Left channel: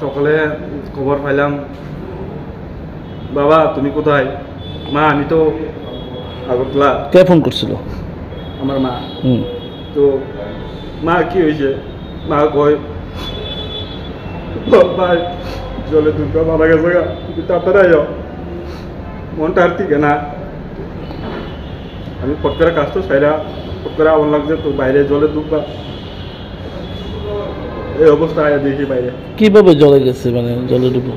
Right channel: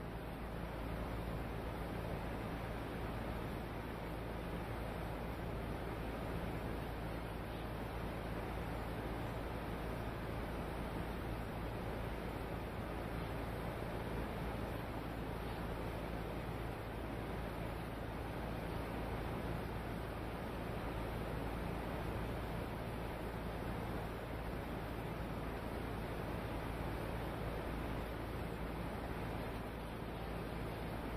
সকালে খবর পাইলাম, বাবা তুমি কোথায়? মা আমি তো আগরতলা। কে ফোন করছিল? আমার মা। হুম। তো মা কি হয়েছে? মা কয় তোর ভাই জলে দুর্গা মারা গেছে গা, তুমি তাড়াতাড়ি আইও। মনটা আর ঠিক না। আমি ফট করে কাজটা সাইরা ফট করে আমার লাগছে তো বাইরে জলে ডুববা, এই অবস্থা আয়া দেখি বাইরে। কিভাবে জলে গেছে, মানে জলে ডুবো?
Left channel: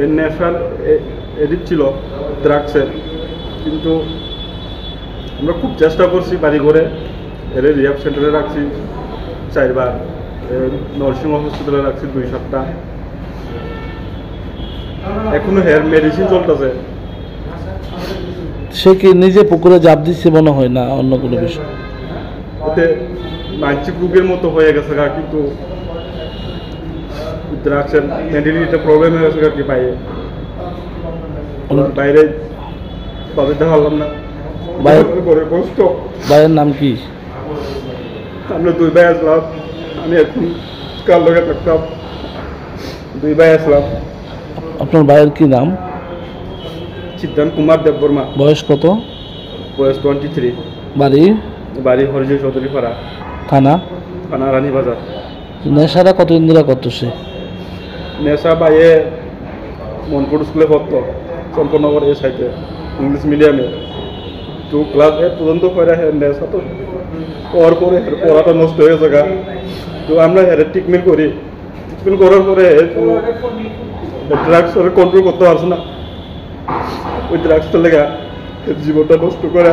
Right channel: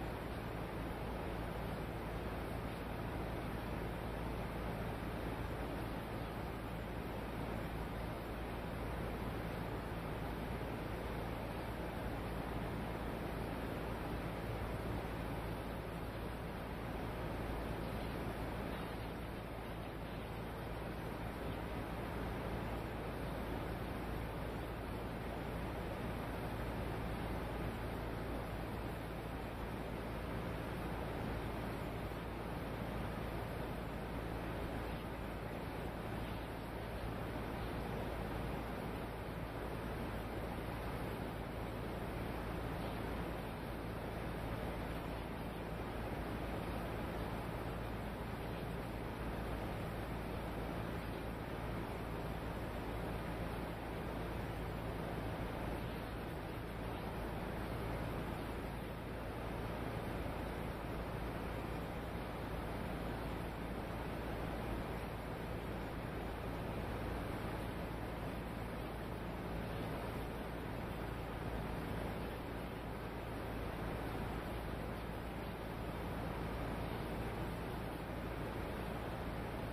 এই ন্যাশনাল এডিট ছিল ড্রাগসের, কিন্তু আমরা খুব চেষ্টা করছি বাড়ি ঘরে, এর রিহাব সেন্টারে রাখছি 4 বার, নরসিংহ হসপিটালে রাখছি 2 সপ্তাহ, এখনো হেয়ার মেডিসিন চলতেছে। সে কি নিজে পুকুরে জাপ দিচ্ছে মনে হয়, না অন্য কোনো বিষয়? এতে মানসিক রোগের মতো হয়ে গেছে গা, কিন্তু ড্রাগসের মেন্টালিটি প্রবলেম হয়ে গেছে কি বাইরে বাইরে বাজাতে পারলাম না। করে কষ্ট। ভাইয়ের নাম কি? আমরা 2 ভাই আসলাম, আমি এখন কার লগে থাকতাম, 2 ভাই আসলাম। আপনার ভাইয়ের কি নাম? সিদ্ধান্ত কুমার দেববর্মা। বয়স কত? বয়স 23। বাড়ি? বাড়ি হরিজয় চৌধুরী পাড়া, থানা? থানা রানীবাজার। নেশাটা কতদিন ধরে করতো সে? নেশা বাইয়ে মনপুর স্কুলে পড়তো, চম্পনগর এই সাইডে ইংলিশ মিডিয়ামে। তো ক্লাস 8 পর্যন্ত পড়ে নেশা তো পর পরে পড়াটা নষ্ট হয়ে গেছে। তো আমরা হেরে ট্রিটমেন্ট করি, ট্রিটমেন্ট করার পরে ড্রাগস কন্ট্রোল করতে পারছে না। ওই ড্রাগসটা লেগে জীবনটা নষ্ট করে